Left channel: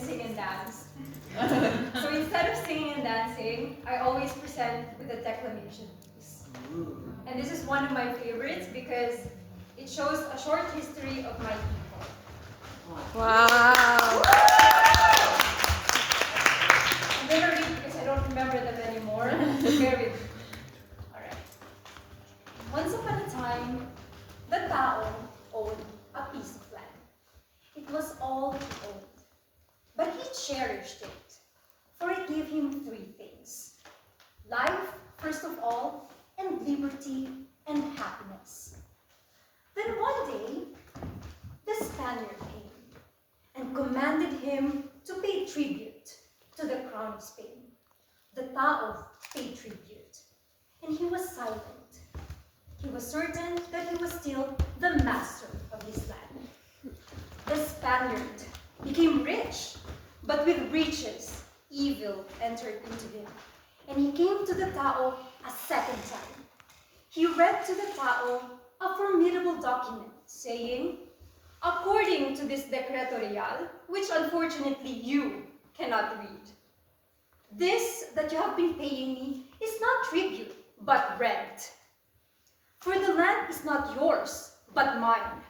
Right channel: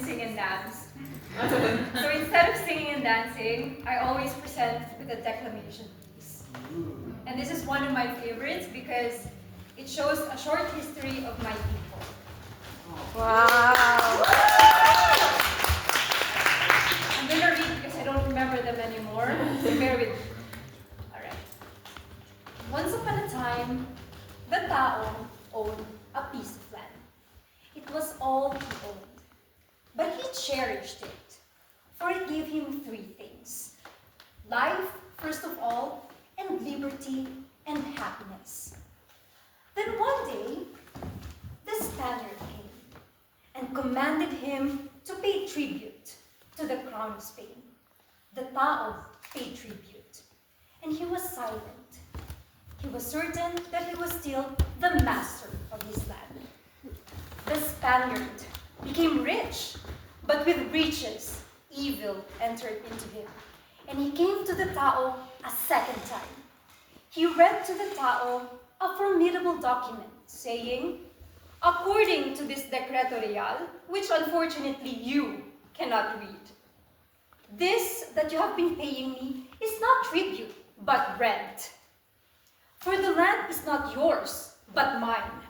sing and dance. So instead of singing and dancing, I always present with a declamation piece. And this is one of my favorites because it shows a short history of my people. Wow! I'm gonna read because I don't remember them anymore. Bear with me. Alright. Once upon a time, the Tao owned a piece of land. It was all he owned. But he cherished it, for it gave him three things: life, first of all, and liberty and happiness. Then one day, the Spaniard came and commanded him to pay tribute to the crown of Spain. The Tao paid tribute, and he was silent. He was certain that he was still the master of his land. The Spaniard became rich, but with riches, evil entered into him, and he came to the Tao a second time. He read to the Tao a formidable document saying, according to this Decreto Real, which unfortunately you cannot read, this that you have been paying me is not tribute, but rent. For the land is not yours, but mine.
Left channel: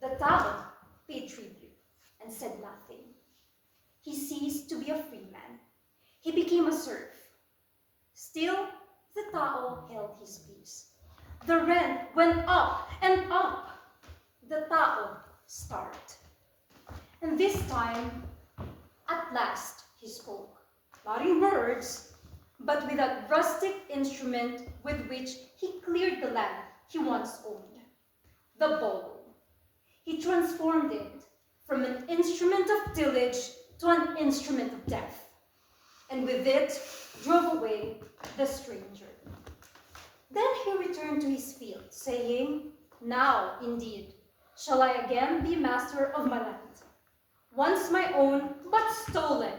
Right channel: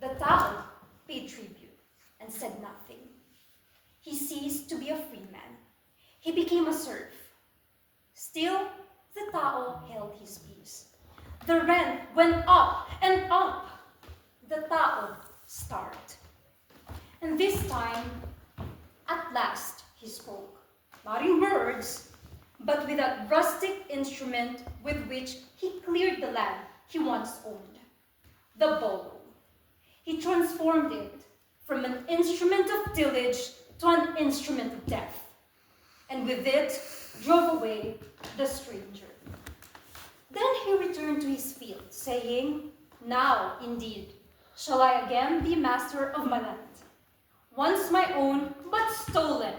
The Tao paid tribute and said nothing. He ceased to be a free man. He became a serf. Still, the Tao held his peace. The rent went up and up. The Tao starved. And this time, at last, he spoke, not in words, but with that rustic instrument with which he cleared the land he once owned, the bow. He transformed it from an instrument of tillage to an instrument of death, and with it drove away the stranger. Then he returned to his field, saying, now, indeed, shall I again be master of my land, once my own, but stolen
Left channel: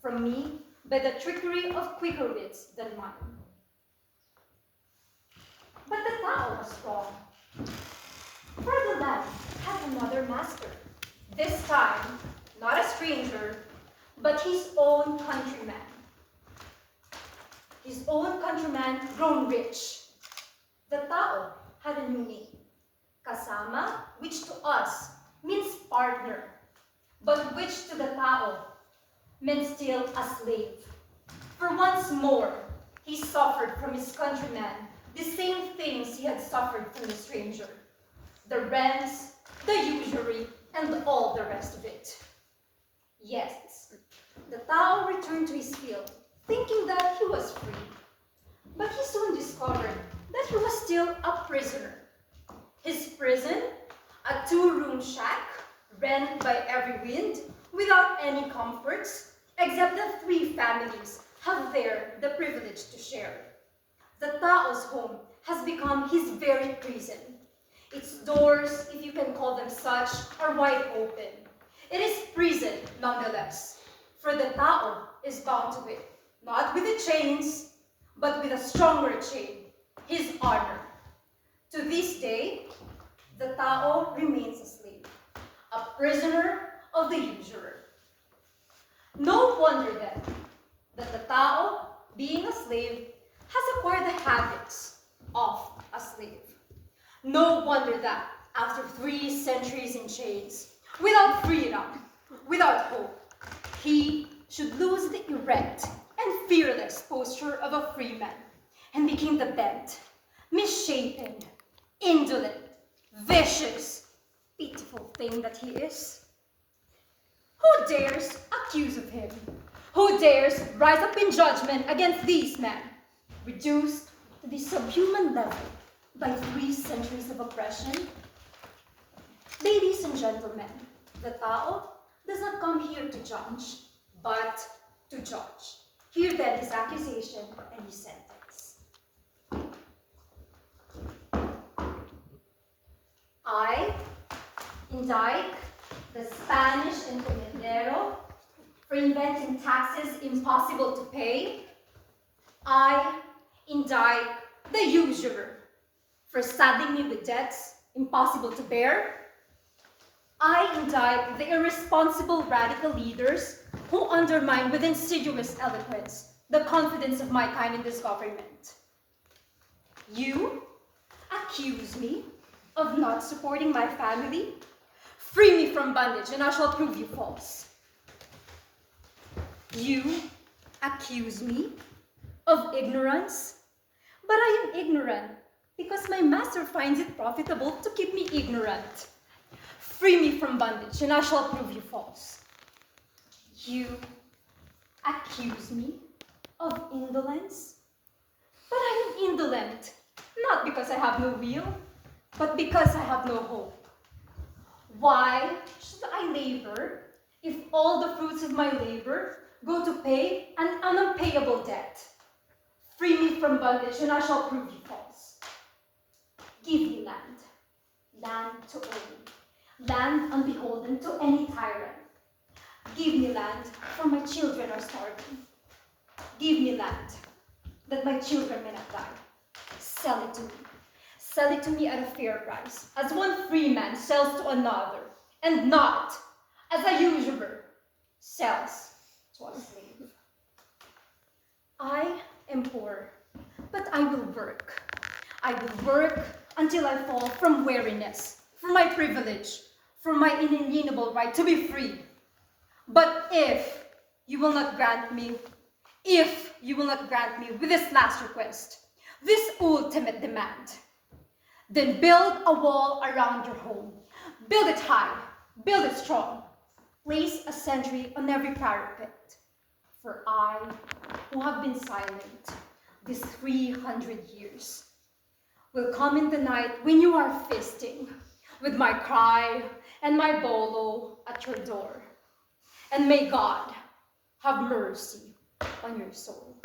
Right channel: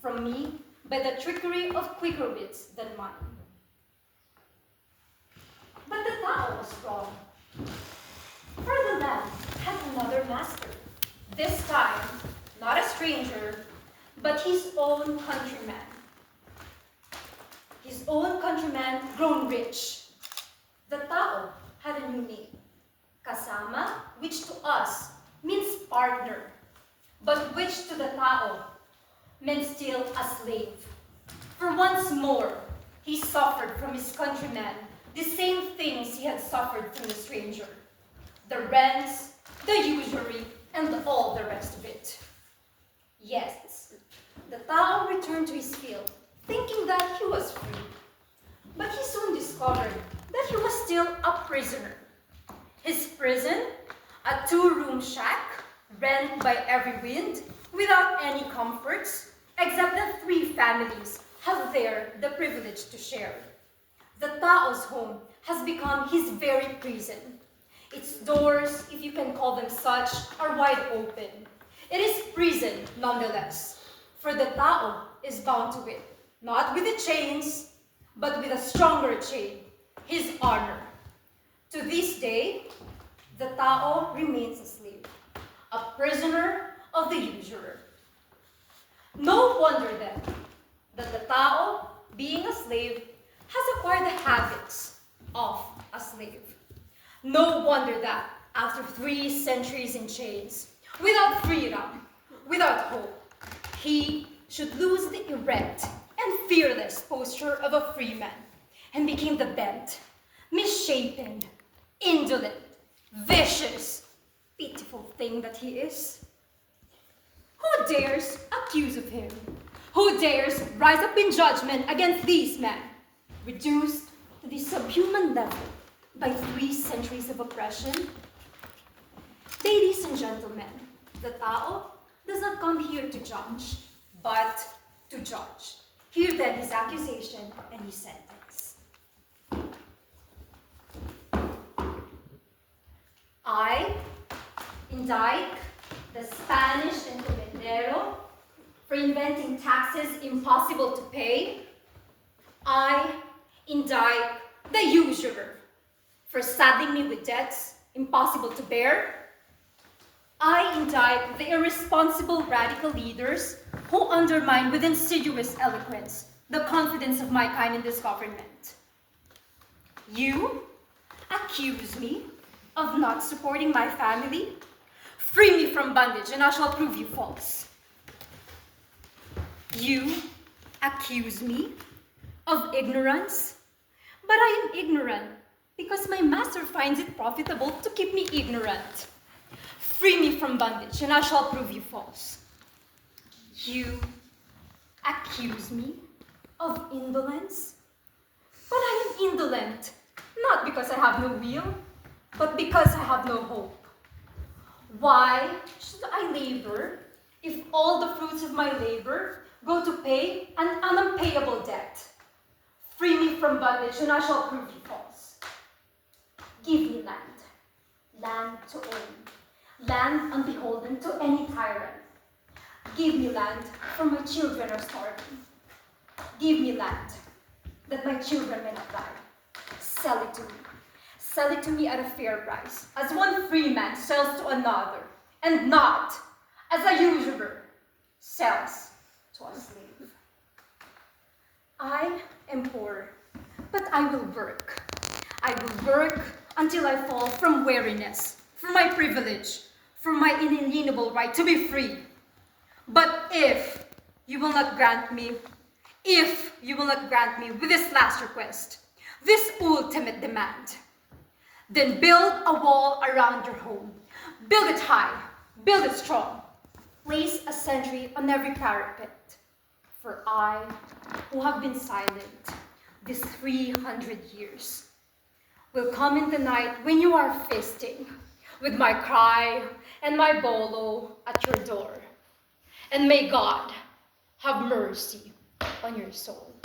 from me by the trickery of quicker wits than mine. But the Tao was wrong, for the land had another master, this time not a stranger, but his own countryman. His own countryman grown rich. The Tao had a new name, Kasama, which to us means partner, but which to the Tao meant still a slave. For once more, he suffered from his countryman the same things he had suffered from the stranger: the rents, the usury, and all the rest of it. Yes, the Tao returned to his field, thinking that he was free. But he soon discovered that he was still a prisoner. His prison, a two-room shack, rent by every wind, without any comforts, except that three families have there the privilege to share. The Tao's home has become his very prison. Its doors, if you can call them such, are wide open. It is prison nonetheless, for the Tao is bound to it, not with the chains, but with a stronger chain, his honor. To this day, the Tao remains a slave, a prisoner of the usurer. No wonder then that the Tao, being a slave, has acquired the habits of a slave. No wonder that after 3 centuries in chains, without freedom, without hope, he should lose the erect and fearless posture of a free man and became the bent, misshapen, indolent, vicious, pitiful thing that he is. Who dares accuse of him? Who dares rise up in judgment against these men, reduced to the subhuman level by 3 centuries of oppression? Ladies and gentlemen, the Tao does not come here to judge, but to judge. Hear then his accusation and his sentence. I indict the Spanish encomendero for inventing taxes impossible to pay. I indict the usurer for saddling me with debts impossible to bear. I indict the irresponsible radical leaders who undermine with insidious eloquence the confidence of my kind in this government. You accuse me of not supporting my family. Free me from bondage and I shall prove you false. You accuse me of ignorance, but I am ignorant because my master finds it profitable to keep me ignorant. Free me from bondage and I shall prove you false. You accuse me of indolence, but I am indolent, not because I have no will, but because I have no hope. Why should I labor if all the fruits of my labor go to pay an unpayable debt? Free me from bondage and I shall prove you false. Give me land, land to own, land unbeholden to any tyrant. Give me land, for my children are starving. Give me land, that my children may not die. Sell it to me. Sell it to me at a fair price, as one free man sells to another, and not as a usurer sells to a slave. I am poor, but I will work. I will work until I fall from weariness, from my privilege, from my inalienable right to be free. But if you will not grant me with this last request, this ultimate demand, then build a wall around your home. Build it high, build it strong. Place a sentry on every parapet. For I, who have been silent these 300 years, will come in the night when you are feasting, with my cry and my bolo at your door. And may God have mercy on your soul.